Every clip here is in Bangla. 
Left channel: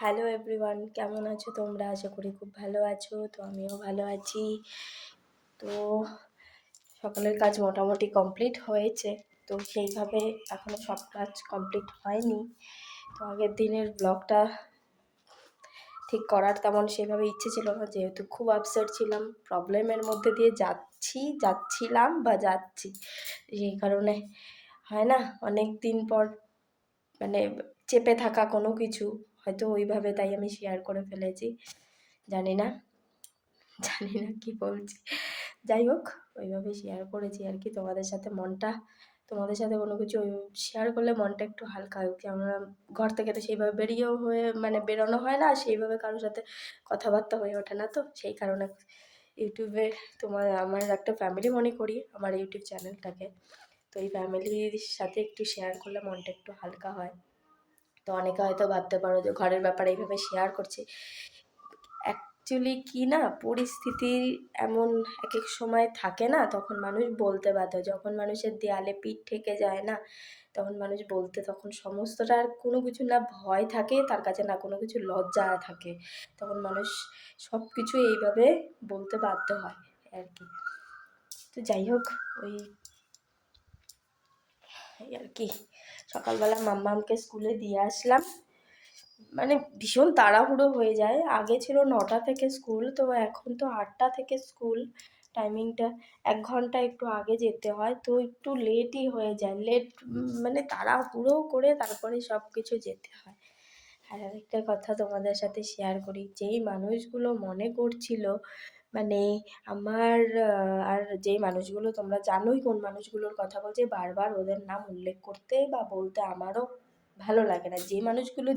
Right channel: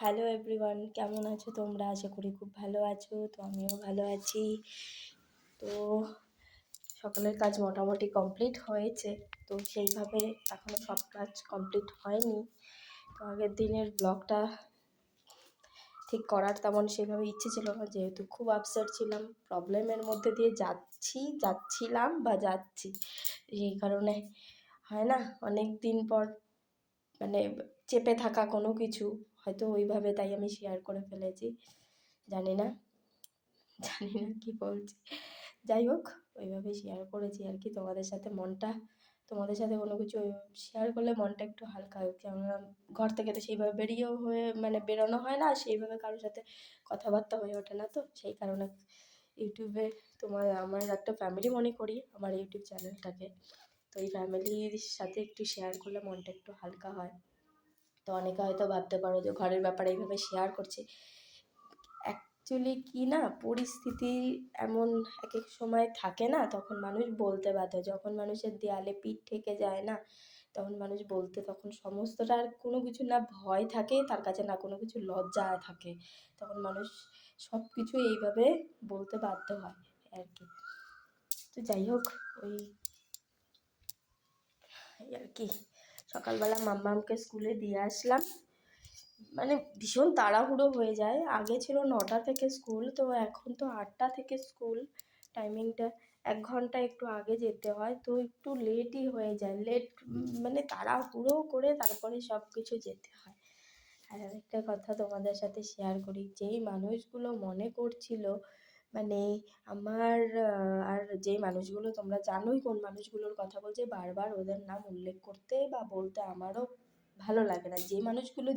হ্যালো এভরিওয়ান, কেমন আছো তোমরা? আশা করি খুব ভালো আছো। তো আমিও ভালো আছি। তো সকালের কাজ মোটামুটি কমপ্লিট হয়েছে। তো সেইভাবে এখনও সব কাজ কমপ্লিট হয়নি। তো আগের দিনের ব্লগটা ঠিক করার তেমন সেভাবে ইচ্ছে ছিল না, যেহেতু খুব আপসেট ছিলাম, প্রবলেমের মধ্যে দিয়ে যাচ্ছিলাম বা যাচ্ছি। সেই কারণে হয় না, অনেক দিন পর মানে চেপে থাকা কোনো কিছু হয়তো ওইভাবে, তাই আমি শেয়ার করে ফেলেছি। জানি না কি বলছি। যাই হোক, ওইভাবে শেয়ার করেছি আর কি তোমাদের সাথে কোনো কিছু শেয়ার করলে মনটা একটু হালকা হয়। কেননা ঘর থেকে তো সেইভাবে বেরোনো হয় না, সেইভাবে কারোর সাথে কথাবার্তা হয়ে ওঠে না। তো সেই কারণে ইউটিউবে আমার একটা ফ্যামিলি মনে করি আমার ইউটিউব চ্যানেলটাকে। তো এই ফ্যামিলির সাথে একটু শেয়ার করলে মনটা একটু হালকা হয়। তো অনেকে হয়তো ভাবতে পারো যে ঘরের ব্যাপারে এইভাবে শেয়ার করছি। অ্যাকচুয়ালি কি না, পরিস্থিতি এমন এক এক সময় থাকে না, তখন মানুষ বলতে বাধ্য। যখন মানুষের দেয়ালে পিঠ ঠেকে যায় না, তখন মানুষ বলতে তখন সমস্তটা আর কোনো কিছু না ভয় থাকে তার কাছে, না কোনো কিছু লজ্জা থাকে। তখন মানুষ সব কিছু এইভাবে বলতে বাধ্য হয় আর কি। তো যাই হোক, এই আর কি। সকালবেলা মাম্মামকে স্কুলে দিয়ে আসলাম। ভীষণ তাড়াহুড়ো হয়ে যায়। আগে ছিল 9টা থেকে স্কুল, তো এখন তো 8টা থেকে স্কুল। টাইমিংটা 1 ঘন্টা একটু আগে যেতে হয়, তো একটু লেটই হয়ে যায়। তাড়াহুড়ো করে তারপরে সব কিছু যেতে হয়। আর আরেকটা কথা তোমাদের সাথে শেয়ার করি, যেই মানুষগুলো মনে করছিল মানে আমার আর যেই মানুষগুলো, তোমরা জানোই কোন মানুষগুলোর কথা বলছে, বারবার ওদের নাম উল্লেখ করতে বা বলতে আমারও ভালো লাগে না। যে মানুষগুলো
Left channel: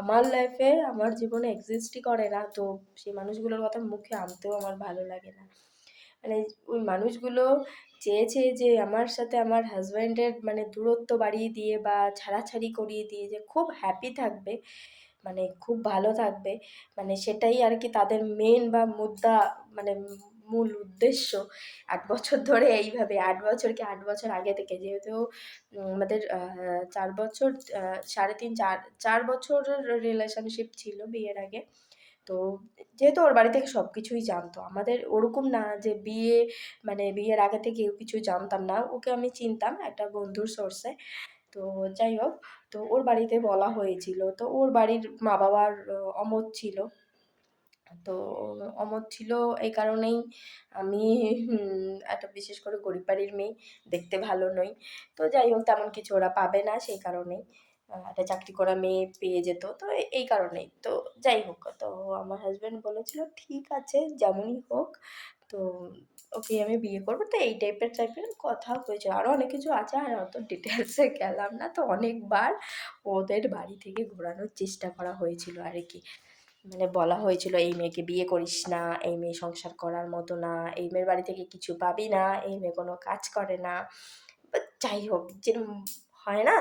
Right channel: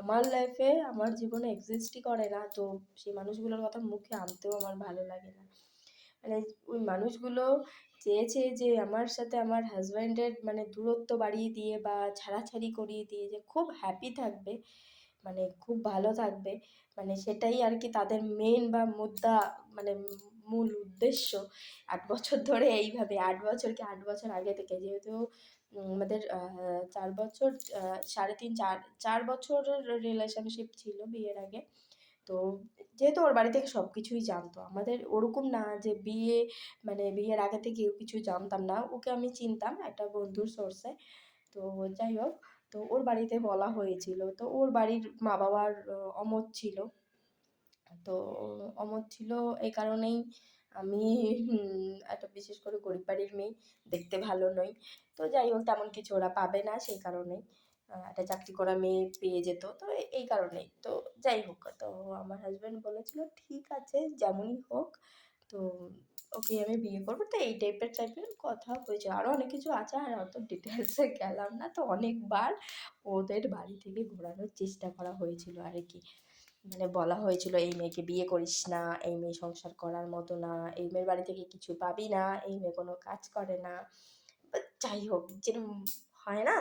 আমার জীবনে এক্সিস্টই করে না, তো সেই মানুষগুলোর কথা মুখে আনতেও আমার ভালো লাগে না। ওই মানুষগুলো চেয়েছে যে আমার সাথে আমার হাজব্যান্ডের দূরত্ব বাড়িয়ে দিয়ে বা ছাড়াছাড়ি করিয়ে দিয়ে যে খুব হ্যাপি থাকবে, খুব ভালো থাকবে, সেটাই আর কি তাদের মেন বা মুদ্রা, মানে মূল উদ্দেশ্য। 8 বছর ধরে এইভাবে, 8 বছর আগে থেকে, যেহেতু আমাদের 4 বছর, 4.5 4 বছরের রিলেশনশিপ ছিল বিয়ের আগে। তো যেহেতু ওর বাড়ি থেকে সব কিছুই জানতো, আমাদের ওরকম না যে বিয়ের আগে থেকে কেউ কিছু জানতাম না। ওকে আমি চিনতাম একটা বন্ধুর সোর্সে। তো যাই হোক, তো ওর বাড়িতে বলা হয়েছিল, তো ওর বাড়ির মা বাবার অমত ছিল। তো অমত ছিল এই কারণেই, আমি একটা বিশেষ করে গরিব বাড়ির মেয়ে, দেখতে ভালো নই। তো যাই হোক, তেমন কিছু ওরা পাবে না, সেই কারণেই একটা চাকরি করা মেয়ে পেয়ে যেত, তো এই কারণেই। তো যাই হোক, তো আমার হাজব্যান্ড বলেছিল ঠিক আছে যেমনই হোক, তো ওকে আমি বিয়ে করবো। তো এই টাইপের কথা হয়েছিল। আরও অনেক কিছু আছে, আর অত ডিটেলসে গেলাম না। তো অনেকবার ওদের বাড়ি থেকে ঘোরানোর চেষ্টা করা হয়েছিল আর কি। বলা হয়েছিল এই মেয়েকে বিয়ে করিস না, এই মেয়ে সংসার করার মতো না, এই মেয়ের বাড়ি থেকে কিছু পাবি না, এই মেয়ে কোনো কাজ করে না। যাই হোক, যেরকম হয় না,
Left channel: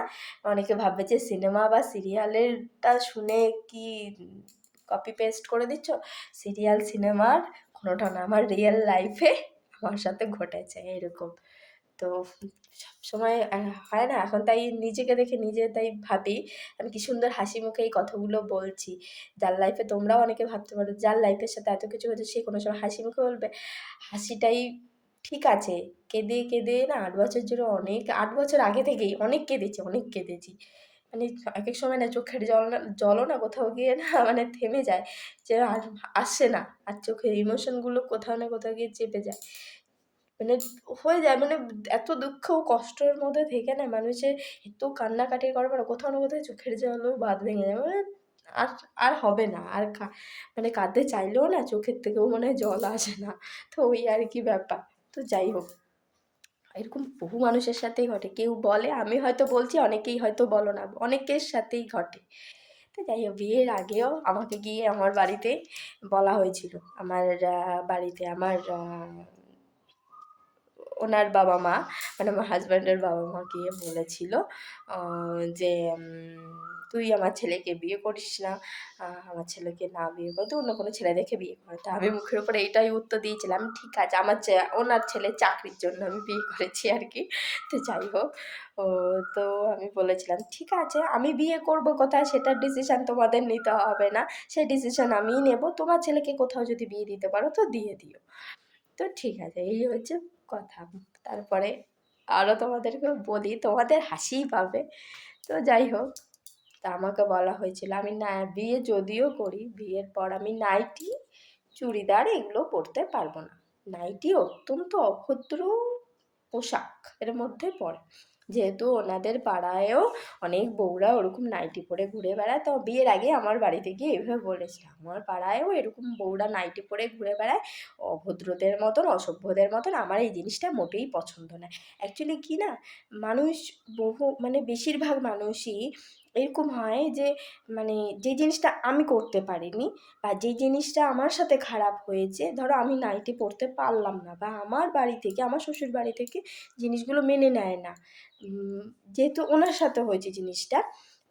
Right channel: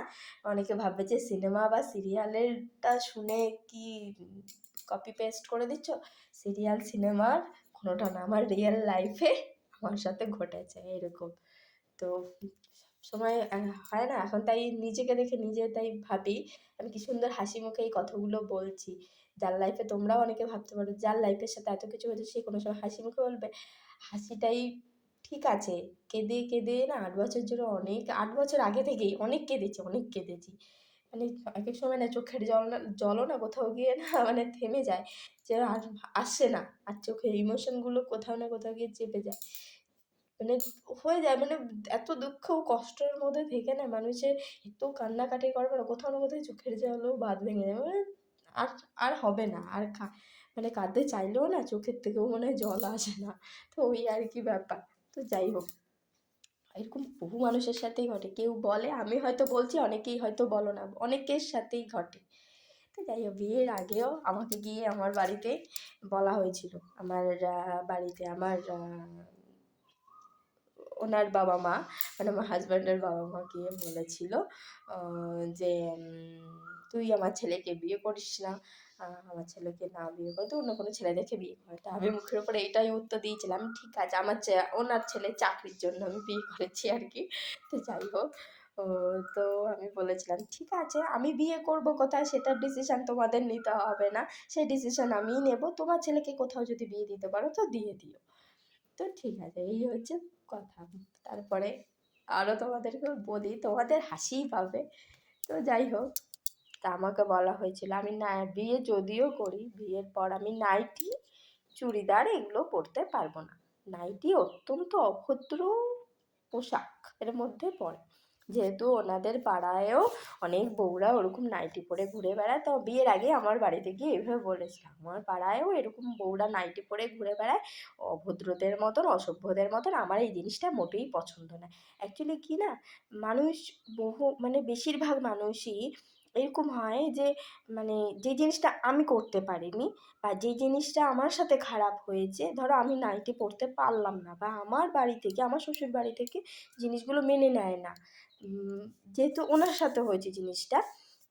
অনেকে ভাববে যে সিনেমা বা সিরিয়ালেরটা শুনে কি কপি পেস্ট করে দিচ্ছ। সিরিয়াল সিনেমার কোনোটা না, আমার রিয়েল লাইফে আমার সাথে ঘটেছে এরকম। তো সবসময় হয় না, এখন তাই নিজেকে দেখে নিজে তাই ভাবি আমি কি সুন্দর হাসি মুখে এই কথাগুলো বলছি। যার লাইফে, তোমরাও অনেকে ভাবতে পারো যার লাইফের সাথে এত কিছু হয়েছে সে কোনো সময় হাসি মুখে বলবে। হাসিটাই ঠিক আছে। কেঁদে কেঁদে না 8 বছর জুড়ে, 8 বছর আগে থেকেই অনেক কেঁদেছি। এক এক সময় না চোখের জলও না কোথাও গিয়ে না থেমে যায়, যে আর আসে না, আর চোখের ইমোশনগুলো কোথাও না কোথাও গিয়ে চেপে যায়। হয়ে যায়, এত দুঃখ ও কষ্টের মধ্যে থেকে না মানুষের এত কান্নাকাটি করবে না, কোথাও না কোথাও চোখের জলও বাঁধ ভেঙে যায়। আর আর হবে না, আর কাঁদতে চাইলেও না চোখের থেকেও মনে হয় জল আসে না। তো ওই আর কি ব্যাপার। তো যাই হোক, এরকম বহু মানুষের সাথেই ঘটে। কেউ বলে, আমি হয়তো বলছি, অনেকেই হয়তো বলো না, অনেকের সাথেই ঘটে। তো যাই হোক, বিয়ের আগেও আমাকে গিয়ে আমার বাড়িতে বলা হয়েছিল, আমার বাড়িতে আমার ওনার বাবা মা, আমার হাজব্যান্ডের বাবা মা গিয়ে বলেছিল যে তুই আমার ছেলেকে বিয়ে করিস না, আমার ছেলেকে না বিয়ে করে তুই অন্য কোনো ছেলে দেখে বিয়ে কর। তা আমি মুখের উপরে এইটাই উত্তর দিয়েছিলাম, ঠিক আছে আমার ওনার ছেলের চাকরির জন্য আমি বিয়ে করেছি আর কি। তো যাই হোক, ও তো আমি বলেছিলাম ঠিক আছে আমি বিয়ে করব কোথায় সেটার ডিসিশান তোমাদের নিতে হবে না, সেই ডিসিশান আমিই নেব, তোমার ছেলেকে কোথাও যদি বিয়ে দিতে পারো তো দিয়ে দিও। তো ঠিক আছে, এই হচ্ছে কথা। তারপরে আরও তোমাদেরকে বলি, তোমাদের হাসিই পাবে। তো যাই হোক, তা আমাকে বলা হয়েছিল আমি না বিয়ে যদিও করি, বিয়ের পর আমি নাইটি চুড়িদার এগুলো পরতে পারবো না। নাইটি অত্যন্ত অভদ্র পোশাক এর মধ্যে পড়ে, যেহেতু ওনাদের পাড়ায়ও অনেক বউরা ওরকম নাইটি পরে ঘুরে বেড়ায়। তো বিয়ের আগে আমার বাড়িতে গিয়ে এভাবে বলেছিল আমার পাড়ায়ও এরকম বউরা নাইটি পরে ঘুরে বেড়ায়, অভদ্রদের মতন অসভ্যদের মতন, আমার এই জিনিসটা মোটেই পছন্দ নয়। অ্যাকচুয়ালি কি না, মানুষ মানে বেশিরভাগ মানুষই এরকম হয় যে মানে যে জিনিসটা আমি করতে পারিনি বা যে জিনিসটা আমার সাথে খারাপ হয়েছে, ধরো আমি নাইটি পরতে পারলাম না বা আমার বাড়ি থেকে আমার শ্বশুর বাড়ি থেকে জিনিসগুলো মেনে নেয় না, যেহেতু ওনার সাথে হয়েছে জিনিসটা,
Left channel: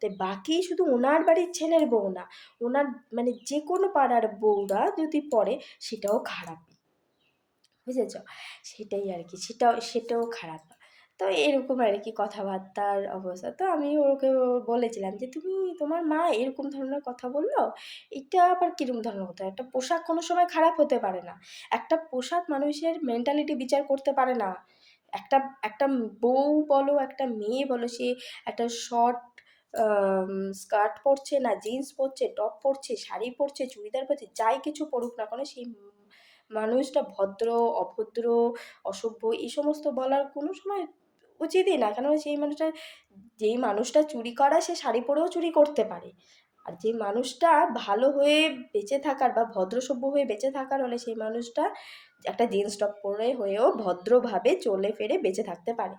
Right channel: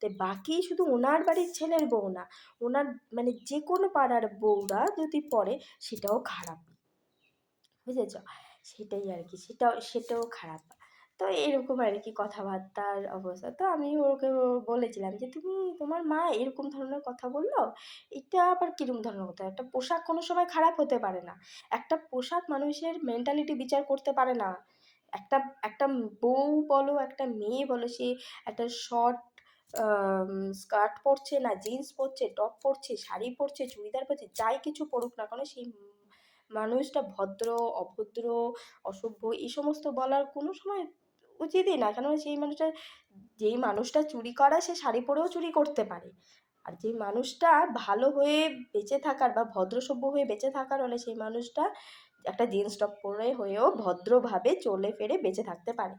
তাই বাকি শুধু ওনার বাড়ির ছেলের বউ না, ওনার মানে যে কোনো পাড়ার বউরা যদি পড়ে সেটাও খারাপ, বুঝেছ? সেটাই আর কি, সেটাও খারাপ। তো এরকম আর কি কথাবার্তার অবস্থা। তো আমি ওকে বলেছিলাম যে তুমি তোমার মা এরকম ধরনের কথা বললো, এটা আবার কিরকম ধরনের কথা? একটা পোশাক কোনো সময় খারাপ হতে পারে না, একটা পোশাক মানুষের মেন্টালিটি বিচার করতে পারে না। একটা একটা বউ বলো একটা মেয়ে বলো, সে একটা শর্ট স্কার্ট পরছে না জিন্স পরছে, টপ পরছে, শাড়ি পরছে, চুড়িদার পরছে, যাই কিছু পরুক না কেন, সেই মানুষটা ভদ্র অভদ্র অসভ্য এই সমস্ত বলার কোনো সময় উচিতই না। কেন যেই মানুষটা চুরি করা সে শাড়ি পরেও চুরি করতে পারে, আর যে মানুষটা ভালো হয়ে বেঁচে থাকার বা ভদ্র সভ্য হয়ে বেঁচে থাকার হলে সেই মানুষটা একটা জিন্স টপ পরে হয়েও ভদ্রভাবে চলে ফিরে বেঁচে থাকতে পারে।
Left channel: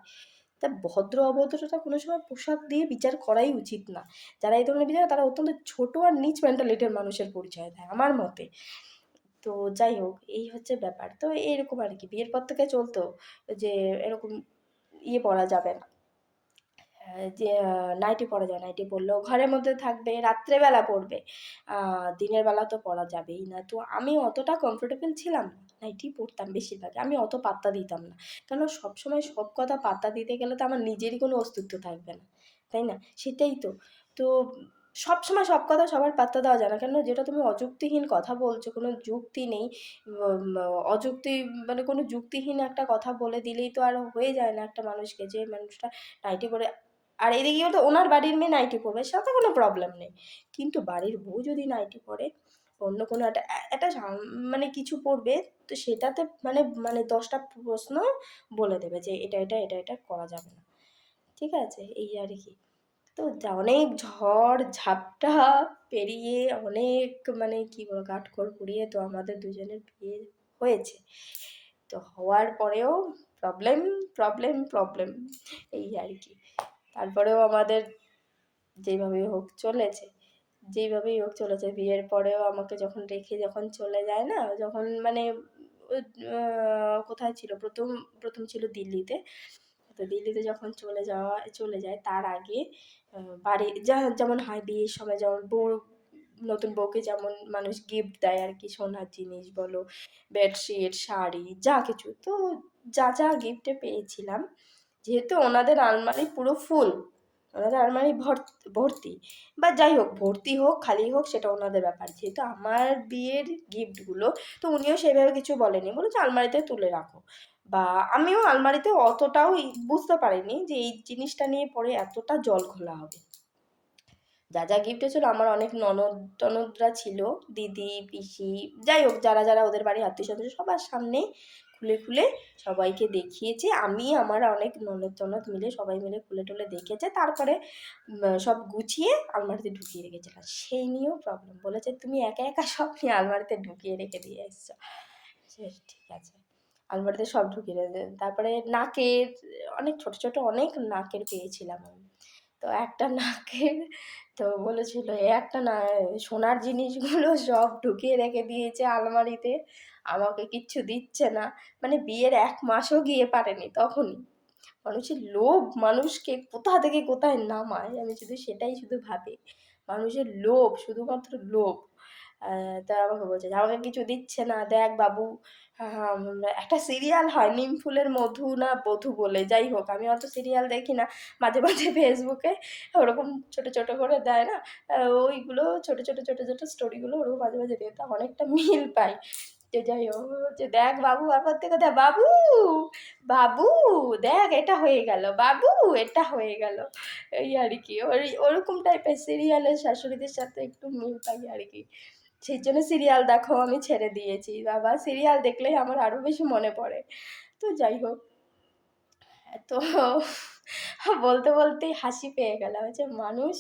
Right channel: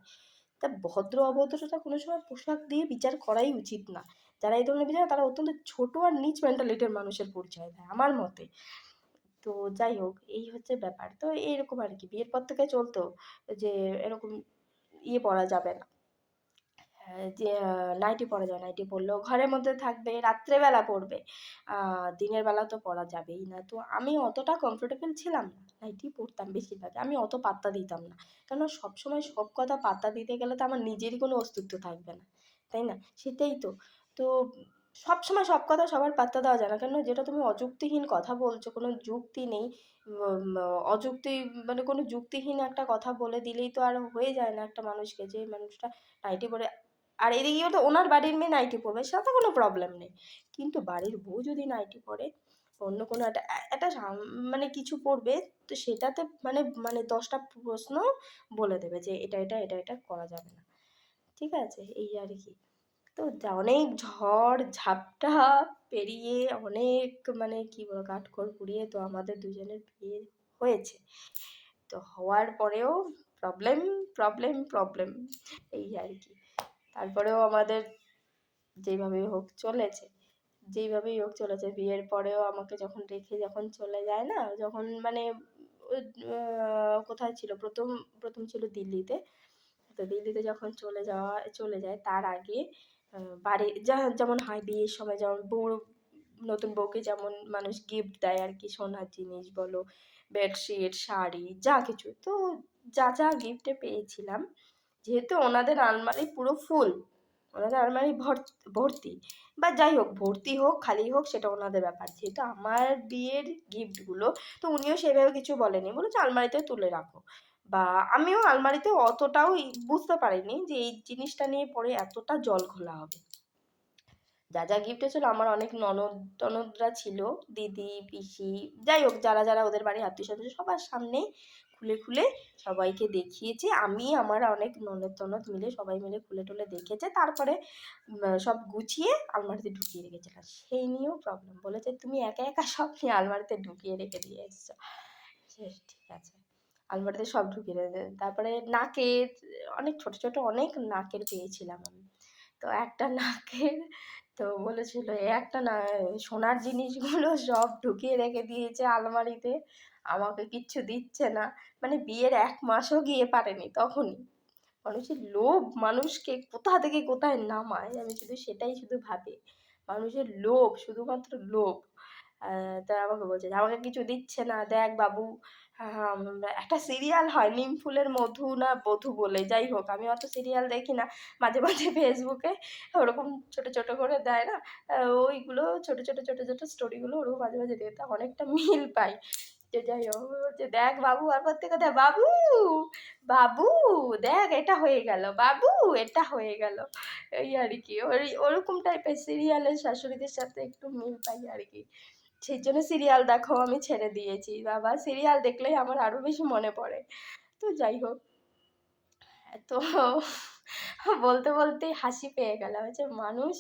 তা ভদ্র অভদ্রতা কোনো সময় পোশাক দিয়ে বিচার করাই উচিত না। যারা এই ধরনের বিচার তারা অত্যন্ত ছোট আর নিচ মেন্টালিটির মানুষের পরিচয় দেয় আমার মতে। তো যাই হোক, এই হচ্ছে ব্যাপার। তো এইরকম আর কি বিয়ের পর থেকে চলতো যে এরকম পরা যাবে না, যে নাইটি পরা যায়, নাইটি পরলেও ঘরের মধ্যে থাকবে, রাত্রেবেলা পরবে, দিনের বেলা তো পরা যাবেই না। তো আমি অতটা কমফোর্টেবল ছিলাম না, নাইটি পরতাম বেশিরভাগ, আমি অত পাত্তা দিতাম না, কারণ সবসময় সব কথা পাত্তা দিতে গেলে তো আমার নিজেরই কোনো অস্তিত্ব থাকবে না, তাই না? সেটাই তো। তো সবসময় সব কথা সবার পাত্তা দেওয়া যায় না, কেন যেটা তুমি অযুক্তিহীন কথা বলছো, কোনো যুক্তি নেই, অযুক্তি মানে কোনো যুক্তিহীন একটা কথা বলে দিলেই তো আর হয়ে যায় না একটা মানুষকে, যে মানুষটা নাইটি পরে, আর এদিকেও তো ওনার বাড়ির মেয়ে নাইটি পরবে সেটাতে কোনো প্রবলেম নেই, কিন্তু বাড়ির বউ যদি নাইটি পরে অন্য কোনো একটা মানে কিছু পড়বে, তো সেটাতে মানে মানে 10টা প্রশ্ন বলে দেবে যে এটা করা যাবে না, ঠিক আছে? এই আর কি। তো অনেক ঝড় ঝাপটা পেরিয়ে অনেক মানে কি বলবো কাঠখড় পুড়িয়ে তো আমাদের দুজনের বিয়ে হয়েছে। তো হওয়ার পরেও প্রবলেম প্রবলেম প্রবলেম, এই আর কি। তারপরেও আমাদের যেইভাবেই হোক চলেছে, বিয়ের পরেও আমাকে যখন রেখে যখন চলে যায় না, যখন মানে কোথায় ছিল প্রথম, প্রথম ছিল দিল্লিতে। তো দিল্লিতে যখন চলে যায় তার আগে বাড়ি যেমন হয় বিয়ের সময়, যেমন নতুন বউকে যেমন মানুষ গিফট দেয় আর কি, সোনার জিনিস বলো, বেডশিট, শাড়ি, যা কিছু, তো যা যা গিফটে পেয়েছিলাম, যেহেতু ওনাদের আলমারি পুরো ফুল, ওনাদের আলমারি ভর্তি, বা যাই হোক ভর্তি হোক খালি হোক সেটা ওনাদের ব্যাপার, যেহেতু আমার বিয়ের গিফটগুলো, তো উনিও সেভাবে কিছু বলেনি, বলেছে আলমারিতে তুলে রাখো, বা আমিও আলমারিতে অতটাও বুঝতে পারিনি যে এই জিনিসটা নিয়ে পরে এতটা জল ঘোলা হবে। যা যা গিফট ছিল, আমার অনেক ননদ টনদরা ছিল, দিদি পিসি, যাই হোক যারা যারা ওদের বাড়ির আত্মীয় স্বজন সবার সামনে খুলে খুলে সবাইকে দেখিয়েছে, আমি আমার অনেক ননদ টনদ মিলে সবাই মিলে খুলে টুলে দেখেছে, তারপরে সব গুছিয়ে আলমারিতে ঢুকিয়ে রেখেছিলাম। সেই নিয়েও প্রবলেম, বলেছে তুমি একা একা সব নিয়ে আলমারিতে ঢুকিয়ে রেখে দিয়ে এসছো। ঠিক আছে, আলমারিতে সব ঢুকিয়ে রেখে, তারপরে নাকের অনেক ছোট ছোট অনেক নাকের পেয়েছিলাম আমি। তো একটা নাকের, তো বলেছিল একটা না সোনার জিনিসগুলো সব ঢুকিয়ে রেখে দিয়েছে আলমারিতে, আমাকে কিচ্ছু দিচ্ছে না, মানে বিয়ের 1 মাসও গিয়ে পারেনি তখনই, মানুষের লোভ মানুষকে কোথা থেকে কোথায় নামায়, আমি সেটাই ভাবি। মানুষের লোভ, শুধুমাত্র লোভ। তা আমাকে বলছে যে আমাকে কিছু দিচ্ছে না, দেখ বাবু। একটা সিরিয়াল হয় নিম ফুলের মধু না বধূ বলে, যাই হোক আমি অত সিরিয়াল দেখি না, মাঝে মাঝে ফেসবুকে ওরকম ছোট ছোট করে দেয় না, ওইগুলো ছোট ছোট ছোট ছোট স্টোরিগুলো ওরকম মাঝে মাঝে দেখতে অনেকটা মিল পাই। যে যাই হোক, যে দেখ বাবু, আর প্রত্যেক কথা বাবু বাবু, দেখ এটা হয়ে গেল বাবু, এটা হয়ে গেল, এই আর কি। ওরকম টাইপের সিরিয়ালের শাশুড়িদের সাথে একটু মিল পাই আর কি। সেই জন্য সিরিয়াল দেখো আমি ছেড়ে দিয়েছি বাবা, সিরিয়াল দেখলেই আমার আরো বেশি মনে পড়ে। তো যাই হোক, তো বলতে বলতেই হাসি পেয়ে গেল যে মানুষ।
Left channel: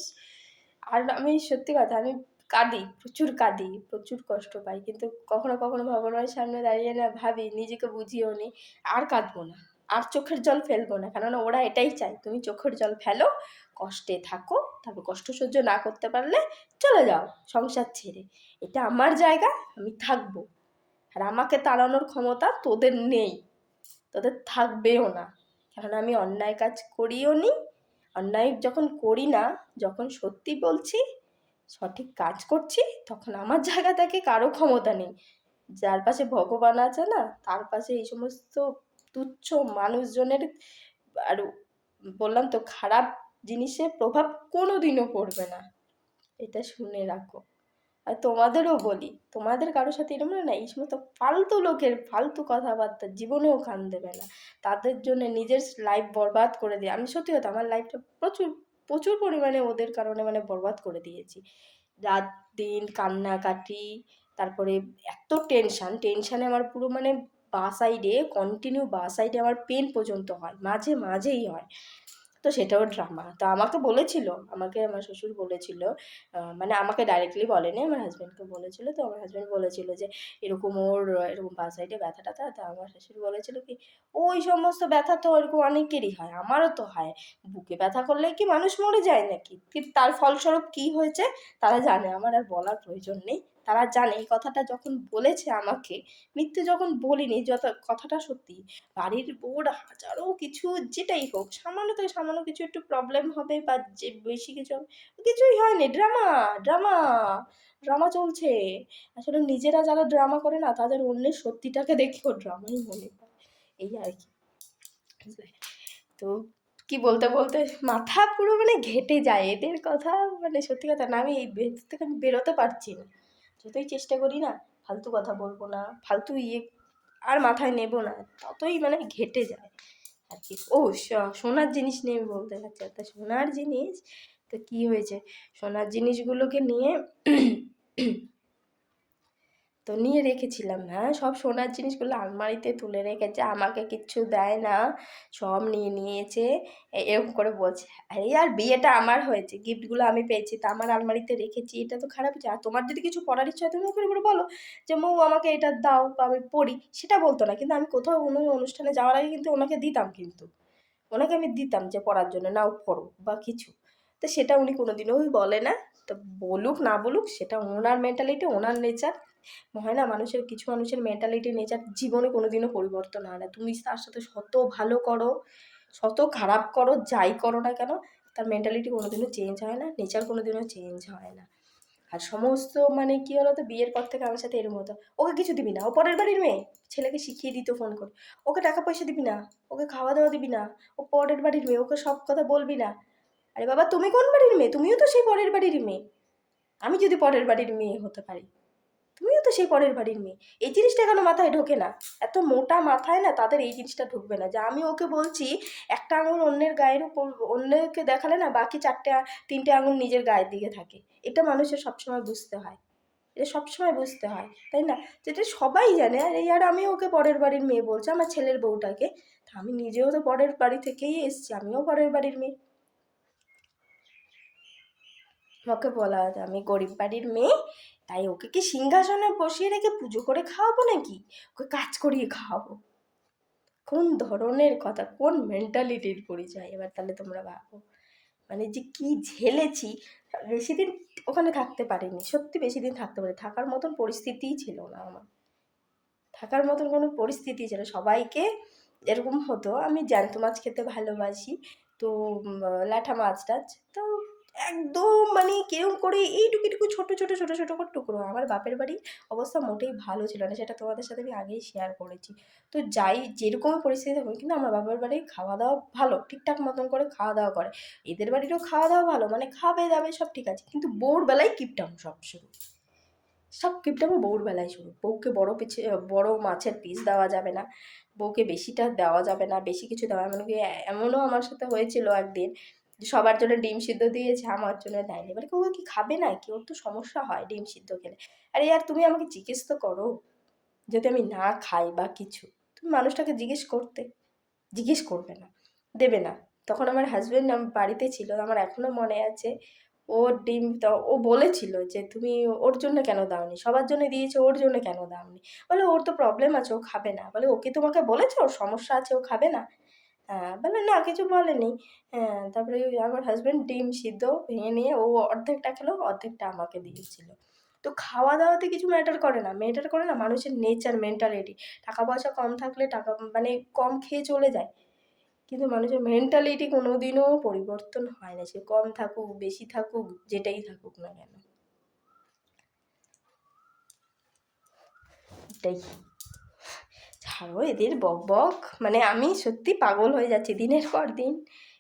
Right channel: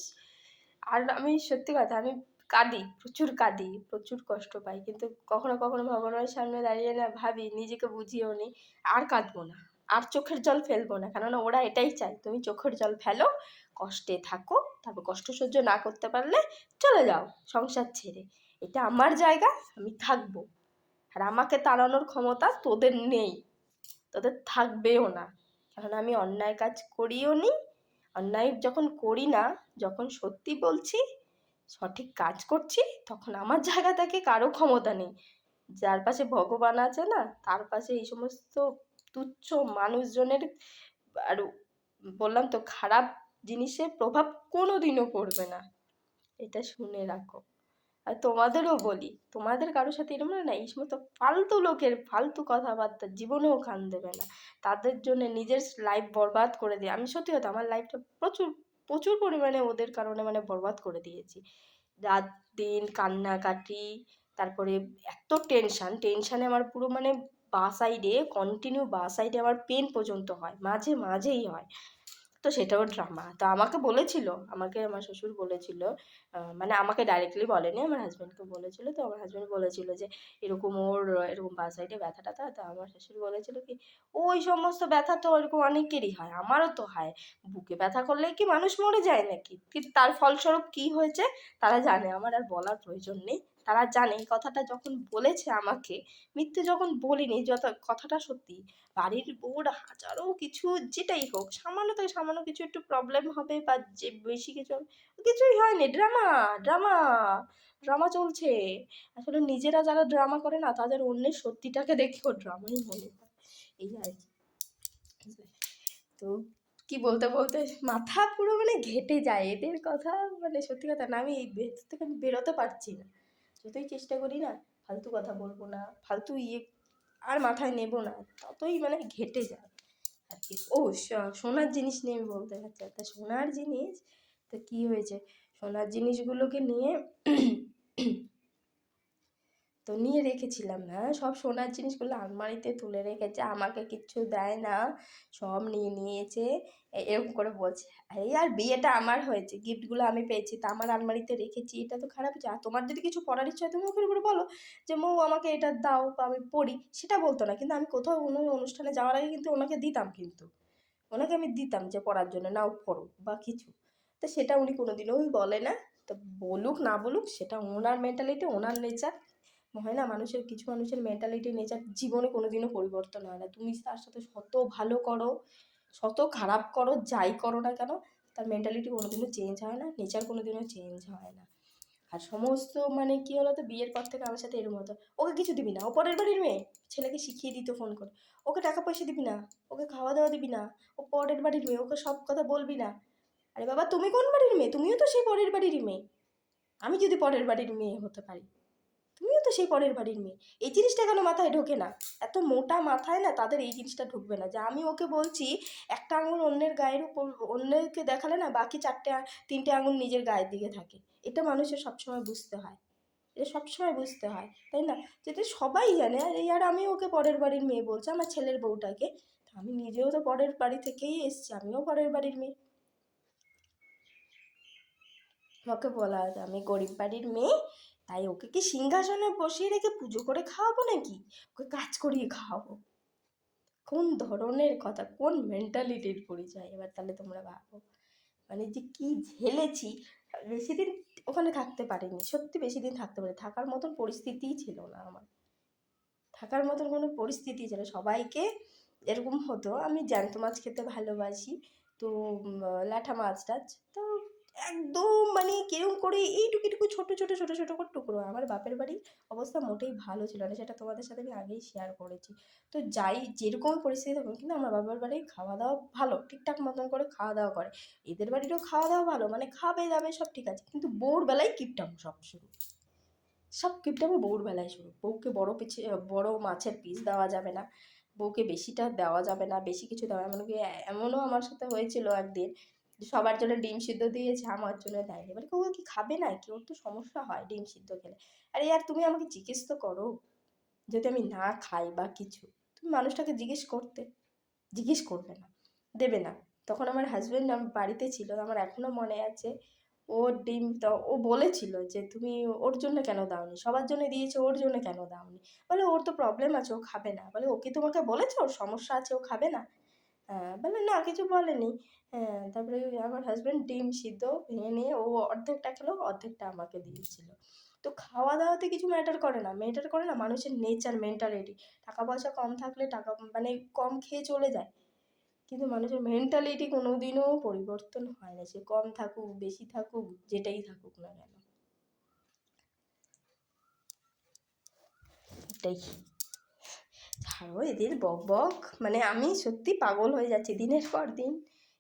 আর আমি সত্যি কথা, আমি কাঁদি, প্রচুর কাঁদি, প্রচুর কষ্ট পাই, কিন্তু কখনো কখনো ভগবানের সামনে দাঁড়িয়ে না ভাবি, নিজেকে বুঝিয়েও নি আর কাঁদবো না, আর চোখের জল ফেলবো না, কেননা ওরা এটাই চায় তুমি চোখের জল ফেলো, কষ্টে থাকো, তারপর কষ্ট সহ্য না করতে পারলে চলে যাও সংসার ছেড়ে, এটা আমার জায়গা, আমি থাকবো। আর আমাকে তাড়ানোর ক্ষমতা তোদের নেই, তোদের থাকবেও না, কারণ আমি অন্যায় কাজ করিও নি। অন্যায় যখন করি না, যখন সত্যি বলছি, সঠিক কাজ করছি, তখন আমার জায়গা থেকে কারো ক্ষমতা নেই। যার পাশে ভগবান আছে না, তার পাশে এই সমস্ত তুচ্ছ মানুষজনের আর বললাম তো খারাপ জিনিসের প্রভাব কোনোদিনও পড়বে না, এটা শুনে রাখো। আর তোমাদেরও বলি, তোমাদের কারোর সাথে এরকম না, এই সমস্ত ফালতু লোকের ফালতু কথাবার্তা জীবনেও কান দেবে না, তাদের জন্য নিজের লাইফ বরবাদ করে দিয়ে, আমি সত্যি কথা আমার লাইফটা প্রচুর প্রচুর পরিমাণে ওদের কারণে বরবাদ করে দিয়েছি। রাত দিন কান্নাকাটি, তারপরে এত টেনশানে আমার পুরো বা সাইডে কন্টিনিউ, বা সাইডে আমার পেন পর্যন্ত হয়, মাঝে মাঝেই হয়। তো সেটাও ড্রামা। তো আমাকে বলেছিল, আমাকে আমার শ্বশুর বলেছিল, আমাকে ডাইরেক্টলি বলেনি, আমার হাজব্যান্ডকে বলেছিল। তো আমার হাজব্যান্ড বলেছিল যে এরকম ওর এরকম বা সাইডে ব্যথা ট্যাথা। তো আমার শাশুড়ি বলেছিল কি, ওই সমস্ত ব্যথা তো এরকম অনেকেরই হয়, আমারও তো হয়। বুকে ব্যথা করলে কি মানুষ মরে যায় নাকি? কিন্তু তার ফলস্বরূপ কি হয়েছে তারা জানে, আমার আর বলার প্রয়োজন নেই। তারা জানে এই কথাটা যখন বলেছে আমাকে, মিথ্যে যখন বলিনি, যত কথাটা সত্যি। বাড়ির বউর হাজারো কিছু যেটাই হোক, সামান্য থেকে সামান্য কিছু একটু প্রবলেম হবে বা যে বেশি কিছু হবে, কিছুই হয়নি, ড্রামা ড্রামা ড্রামা চলছে। আসলে নিজেরা যারা ড্রামা করে না, তাদের অন্যের সত্যিটাকে দেখেও ড্রামাই মনে হয়, এই আর কি। তো কি বলতে বলতে মাথা পুরো ঘেটে যায় এদের কথা, সত্যি কথা না, আমি এই ভেতর থেকে আমি বেরোতে পারছি না। যতই চেষ্টা করি না, ফালতু কথা বলবো না, ফালতু আর মাথায় নেব না, ততই ঘেটে যায় আর কি। ও, সোনার জিনিস নিয়ে আমি বলতে চাচ্ছি, একটা সোনার জিনিস। তো কি হয়েছে, সোনার জিনিসগুলোকে নিয়ে তো নিয়ে রেখেছিলাম, হ্যাঁ, সব সোনার জিনিসগুলো আলমারিতে তুলে রেখেছে, আমাকে কিচ্ছু দেয় না, সব নিয়ে নিয়েছে, এরকম করে বলছে। এই আর বিয়েটা আমার হয়েছে, গিফটগুলো আমি পেয়েছি, তা আমার আলমারিতে রেখেছি, এটা তো খারাপ হচ্ছে। আর তোমার যদি কিছু পড়ার ইচ্ছা হয় তুমি ওখানে করে বলো যে মৌ আমাকে এটা দাও বা আমি পড়ি, সেটা বলতো না। কিন্তু আমি কোথাও কোনো অনুষ্ঠানে যাওয়ার আগে কিন্তু ওনাকে দিতাম, কিন্তু ওনাকে আমি দিতাম যে পড়ার জন্য, নাও পড়ো বা কিছু। তো সেটা উনি কোনোদিনও বলে না। তো বলুক না বলুক, সেটা ওনার মেন্টালিটি, ওনার নেচার। হয় না, মানুষের কিছু মানুষের মেন্টালিটি নেচার জীবনে কোনোদিনও পরিবর্তন হয় না। তুমি তার সাথে শত ভালো করো, শত খারাপ করো, যাই করো না কেন, তার মেন্টালিটি কোনোদিনও চেঞ্জ হয় না, নেচার কোনোদিনও চেঞ্জ হয় না। আর সমস্ত কি হলো, তো বিয়ের পর থেকে আমার সাথে এরকম হতো, ওকে কিছু দিবি না, ও পরের বাড়ির মেয়ে, ছেলেকে শিখিয়ে দিত ফোন করে, ওকে টাকা পয়সা দিবি না, ওকে খাওয়া দাওয়া দিবি না, ও পরের বাড়ির মেয়ে, ওকে সব কথা বলবি না। আরে বাবা, তুমি কোন বাড়ির মেয়ে? তুমিও তো সেই পরের বাড়ির মেয়ে। আমি যদি পরের বাড়ির মেয়ে হতে পারি, তুমিও তো সেই পরের বাড়ির মেয়ে। এই জিনিসটা কেন মাথায় ঢোকে না? এত মোটা মাথায় না, তাদের এই জিনিসটা ঢুকবে না যে আমি ওকে বলছি একটা আঙুল অন্যের গায়ের উপর, অন্যকে দেখালে না বাকি তিনটে আঙুল নিজের গায়ের দিকে থাকে। এটা মানুষের সবসময় বুঝতে হয়, এটা সবসময় বুঝতে হয়, তাই না? যেটা সবাই জানে। আর এই আর আমি ওকে পরের বাড়ির মেয়ে বলছি, আমার ছেলের বউটাকে। আমি নিজেও তো পরের বাড়ি থেকেই এসছি, আমিও পরের বাড়ির মেয়ে। ওকে বলা আছে আমি গরিব বাড়ির মেয়ে, তাই ওকে কি সিংহাসনে বসিয়ে রেখে পুজো করে খাওয়াবো নাকি? ওকে কাজ করিয়ে খাওয়াবো? কোন ধরনের কথা, কোন মেন্টালিটির পরিচয়? এবার তাহলে তোমরা ভাবো, যে কি ঝেলেছি। বেশি দিন ওখানে থাকতে পারিনি, সত্যি বেশি দিন থাকতে পারি, থাকার মতন পরিস্থিতিই ছিল না আমার, থাকার মতন কোনো পরিস্থিতি ছিল। সবাইকে এরকম হতো, আমি জ্যান্ত মাছ খেতে ভালোবাসি। তো ল্যাঠা মাছ টাছ তো একদম মানে কেরম করে এইটুকু এইটুকু ছোটো ছোটো ছোটো ছোটো করে টুকরো। আমার বাপের বাড়ির অবস্থা মোটেই ভালো ছিল না, সেটা তোমাদের সাথে আমি আগেই শেয়ার করেছি। তো যাই যেরকমই পরিস্থিতি থাকুক, কিন্তু আমার বাবার বাড়ির খাওয়া দাওয়া ভালো, ঠিকঠাক মতন করে খাওয়া দাওয়া করে। এদের বাড়িরও খাওয়া দাওয়া ভালো, মানে খাবে দাবে সব ঠিক আছে, কিন্তু বউর বেলায় কিপটাম সব শুরু। সব কিপটামো বউর বেলায় শুরু। বউকে বড় মাছের পিস দেওয়া যাবে না, বউকে বেশিটা দেওয়া যাবে না, বেশি কিছু দেওয়া, এমনকি এমনও আমার সাথে হয়েছিল একদিন যে সবার জন্য ডিম সিদ্ধ দিয়েছে, আমার জন্য দেয়নি। মানে ও কি খাবে না কি, ওর তো সমস্যা হয় ডিম সিদ্ধ খেলে। আরে ইয়ার তুমি আমাকে জিজ্ঞেস তো করো, যদি আমি না খাই বা কিছু, তুমি মানুষটাকে জিজ্ঞেস করবে না, দেবে না। তখন আমার হাজব্যান্ড বাড়িতে ছিল, আমার এখনও মনে আছে। ওর ডিম ও বলেছিল যে তুমি ওর জন্য কেন দাওনি, সবার জন্য দিয়েছো, ওর জন্য কেন দাওনি। বলে ওর তো প্রবলেম আছে, ও খাবে না। বলে ও কি তোমাকে বলেছে ওর সমস্যা আছে, ও খাবে না? হ্যাঁ, বলে না কিছু বলেনি। হ্যাঁ, তারপরে আমার হাজব্যান্ড ডিম সিদ্ধ ভেঙে নিয়ে ও অর্ধেকটা খেলো, অর্ধেকটা আমাকে দিয়েছিল। তো খাওয়া দাওয়াতে কিছু ম্যাটার করে না মানুষের নেচার, মেন্টালিটি। টাকা পয়সা কম থাকলে মানে কম খেয়ে চলে যায়, কিন্তু মানুষের মেন্টালিটি কোনোদিনও পরিবর্তন হয় না, সে কম থাকুক বেশি থাকুক যেটাই থাকুক না কেন। এটাই। ছাড়ো এদের বক বক, মানে আমি সত্যি পাগল হয়ে যাচ্ছি দিনের পর দিন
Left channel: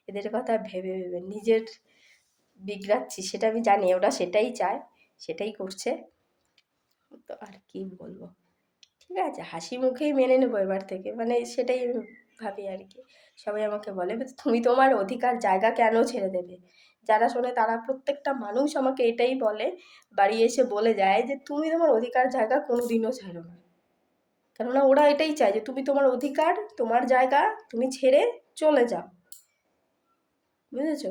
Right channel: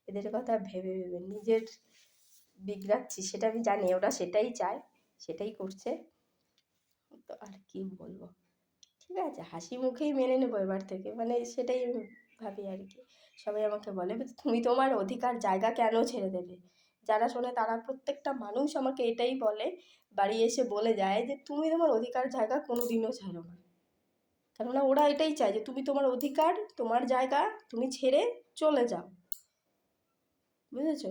এদের কথা ভেবে ভেবে, নিজের বিগড়াচ্ছি সেটা আমি জানি, ওরা সেটাই চায়, সেটাই করছে। তো আর কি বলবো, ঠিক আছে হাসি মুখেই মেনে নেবো এবার থেকে, মানে সেটাই আমি ভাবি আর কি। সবাই আমাকে বলে তুমি তোমার অধিকার জায়গা কেন ছেড়ে দেবে? যারা শোনে তারা প্রত্যেকটা মানুষ আমাকে এটাই বলে, বাড়ি এসে বলে যায় যে তুমি তোমার অধিকার জায়গা কোনো দিনও ছাড়ো না। কেননা ওরা এটাই চায় যে তুমি তোমার অধিকার, তোমার জায়গা তুমি ছেড়ে চলে যাও, বুঝেছো?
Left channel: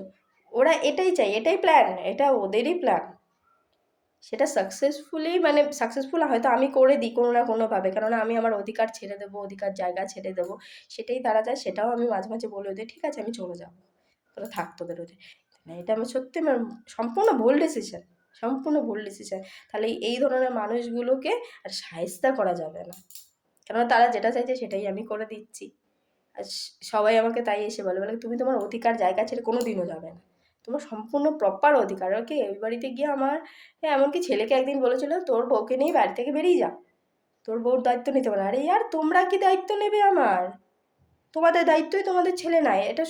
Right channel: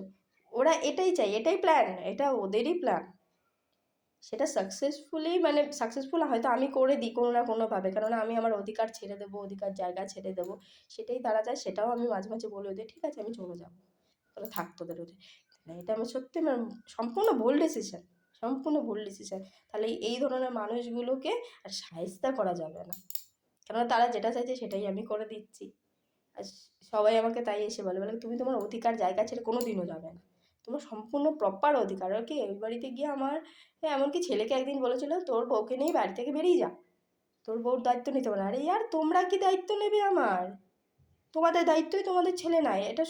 ওরা এটাই চায়, এটাই প্ল্যান, এটা ওদেরই প্ল্যান। সেটা মানে সাকসেসফুল হয়তো আমি করে দিই কোনো না কোনোভাবে, কেননা আমি আমার অধিকার ছেড়ে দেবো, অধিকার জায়গা ছেড়ে দেবো, সেটাই তারা চায়। সেটাও আমি মাঝে মাঝে বলে ওদের ঠিক আছে আমি চলে যাবো, তোরা থাক তোদের ওদের। এটা আমার সত্যি সম্পূর্ণ ভুল ডিসিশন, সম্পূর্ণ ভুল ডিসিশন। তাহলে এই ধরনের মানুষগুলোকে আর শায়েস্তা করা যাবে না, কেননা তারা যেটা চাইছে সেটাই আমি করে দিচ্ছি। আর সবাই আমাকে তাই এসে বলে, তুমি তোমার অধিকার জায়গা ছেড়ে কোনো দিনও যাবে না, তোমার সম্পূর্ণ প্রপার অধিকার। ওকে ওই বাড়িতে গিয়ে আমার এমনকি ছেলেকে একদিন বলেছিল তোর বউকে নিয়ে বাড়ি থেকে বেরিয়ে যা, তোর বউর দায়িত্ব নিতে পারে। আরে ইয়ার তোমরা কি দায়িত্ব নেবে আমার? তোমাদের দায়িত্বই তোমাদের ছেলে নাই, এটা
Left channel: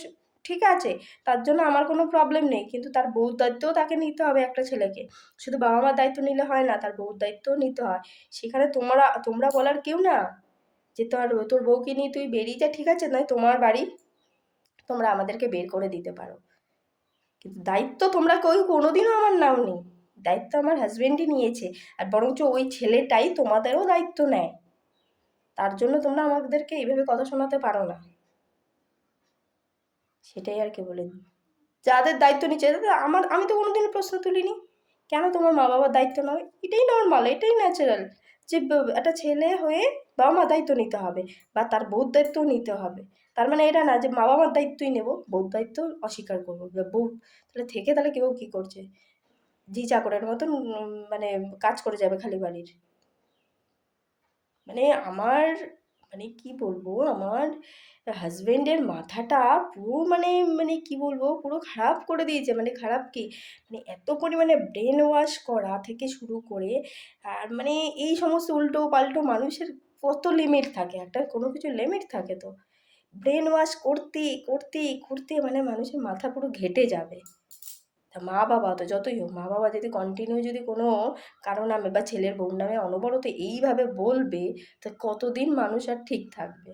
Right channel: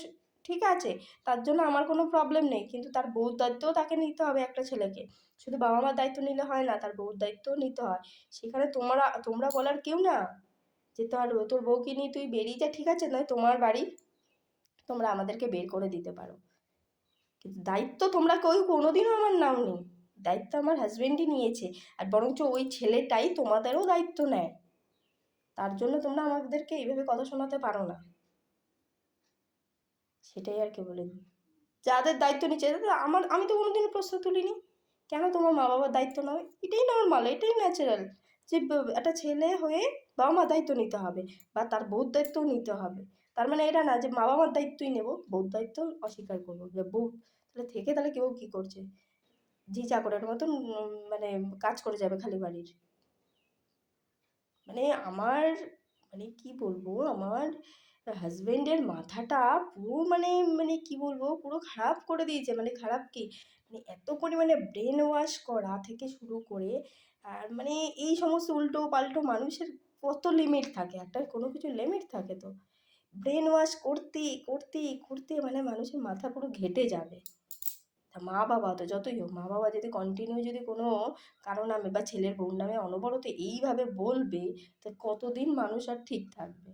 ঠিক আছে, তার জন্য আমার কোনো প্রবলেম নেই, কিন্তু তার বউর দায়িত্বও তাকে নিতে হবে একটা ছেলেকে। শুধু বাবা মার দায়িত্ব নিলে হয় না, তার বউর দায়িত্বও নিতে হয়। সেখানে তোমরা বলার কেউ না যে তোর বউকে নিয়ে তুই বেরিয়ে যা, ঠিক আছে নয় তোমার বাড়ি, তোমরা আমাদেরকে বের করে দিতে পারো, কিন্তু দায়িত্ব তোমরা কেউ কোনোদিনও আমার নাওনি। দায়িত্ব আমার হাজবেন্ডই নিয়েছে, আর বরঞ্চ ওই ছেলেটাই তোমাদেরও দায়িত্ব নেয়। তার জন্য তোমরা আমাদেরকে এইভাবে কথা শোনাতে পারো না, সেটাই আর কি বলে। যাদের দায়িত্ব নিচ্ছে আমি তো কোনোদিনও প্রশ্ন তুলিনি কেন তোমার মা বাবার দায়িত্ব নয়, এটাই নর্মাল, এটাই ন্যাচারাল যে একটা ছেলে হয়ে বাবা মা দায়িত্ব নিতে হবে, বা তার বউর দায়িত্বও নিতে হবে। তার মানে এটা না যে মা বাবার দায়িত্বই নেবো, বউর দায়িত্ব অস্বীকার করবো। বউ তাহলে থেকে তাহলে কেউ কী করছে, জি চাকরের মতন মানে কাজ করে যাবে খালি বাড়ির। মানে আমার, মানে কি বলবো, আমার হাজবেন্ডের মাথাটা পুরো মানে মানে কি বলবো পুরো খারাপ করে দিয়েছে। মানে খারাপ কি, মানে এত পরিমাণে ব্রেন ওয়াশ করা থেকে শুরু করে, আর মানে এই সমস্ত উল্টো পাল্টো মানুষের কত লিমিট থাকে, একটা কোনো কিছু লিমিট থাকে তো। ব্রেন ওয়াশ করতে করতে করতে মানে মানুষের মাথা পুরো ঘেঁটে যাবে। তা মা বাবা তো যতই হোক, মা বাবা যদি কন্টিনিউ যদি কোনো কারো নামে বা ছেলের বউর নামে অনবরত এইভাবে বলবে, তা কতদিন মানুষ আর ঠিক থাকবে?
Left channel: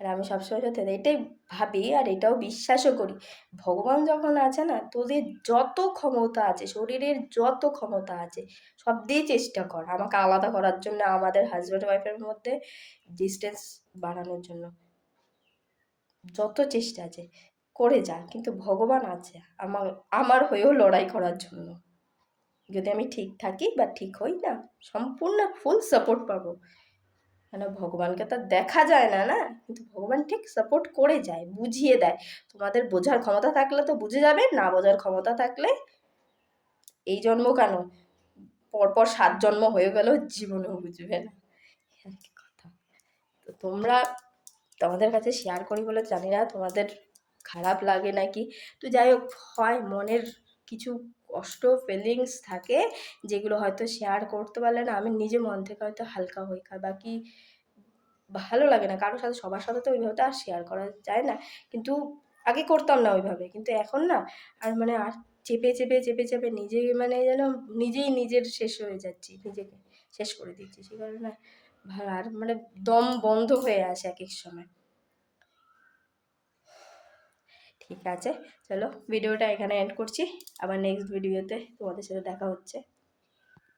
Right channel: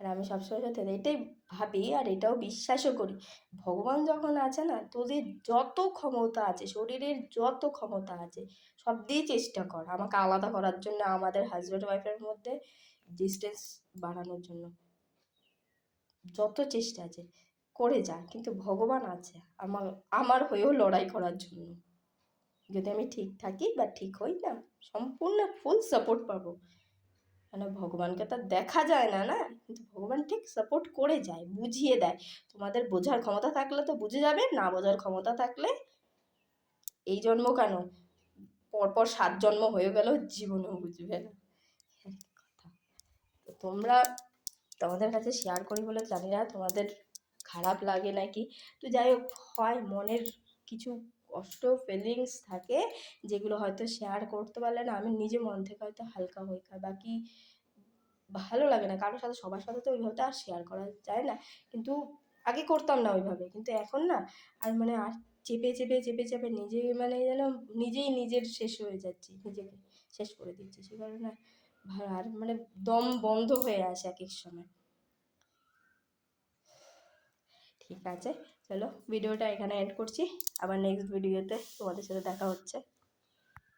আর আমি সবসময় সাথে এটাই ভাবি আর এটাও বিশ্বাসও করি, ভগবান যখন আছে না, তোদের যত ক্ষমতা আছে, শরীরের যত ক্ষমতা আছে সব দিয়ে চেষ্টা কর আমাকে আলাদা করার জন্য, আমাদের হাজব্যান্ড ওয়াইফের মধ্যে ডিস্টেন্স বাড়ানোর জন্য যত চেষ্টা আছে করে যা, কিন্তু ভগবান আছে আমার আমার হয়েও লড়াই করার জন্য। যদি আমি ঠিক থাকি বা ঠিক হই না, সম্পূর্ণ ফুল সাপোর্ট পাবো। মানে ভগবানকে তো দেখা যায় না না, কিন্তু ভগবান ঠিক সাপোর্ট করে যায়, বুঝিয়ে দেয়। তোমাদের বোঝার ক্ষমতা থাকলে তো বুঝে যাবে, না বোঝার ক্ষমতা থাকলে এই জন্ম কেন, পরপর 7 জন্ম হয়ে গেলেও জীবনেও বুঝবে না, আর কি কথা। তোমরা তোমাদের কাছে শেয়ার করি বলে জানি না তোমাদের খারাপ লাগে নাকি। তো যাই হোক, হয় মনের কিছু কষ্ট ফিলিংস থাকে যেগুলো হয়তো শেয়ার করতে পারলে না আমি নিজে মন থেকে হয়তো হালকা হই, বাকি ভালো লাগে না কারোর সাথে, সবার সাথে তো ওইভাবে তো আর শেয়ার করা যায় না। কিন্তু আগে করতাম না ওইভাবে, কিন্তু এখন না আর মানে আর চেপে চেপে চেপে চেপে নিজে মানে যেন নিজেই নিজের শেষ হয়ে যাচ্ছি, নিজেকে শেষ করে দিচ্ছি, সে কারণে আর মানে দম বন্ধ হয়ে আসে এক এক সময়। ঠিক আছে, চলো ভিডিওটা এখানে এন্ড করছি, আবার নেক্সট ভিডিওতে তোমাদের সাথে দেখা হচ্ছে।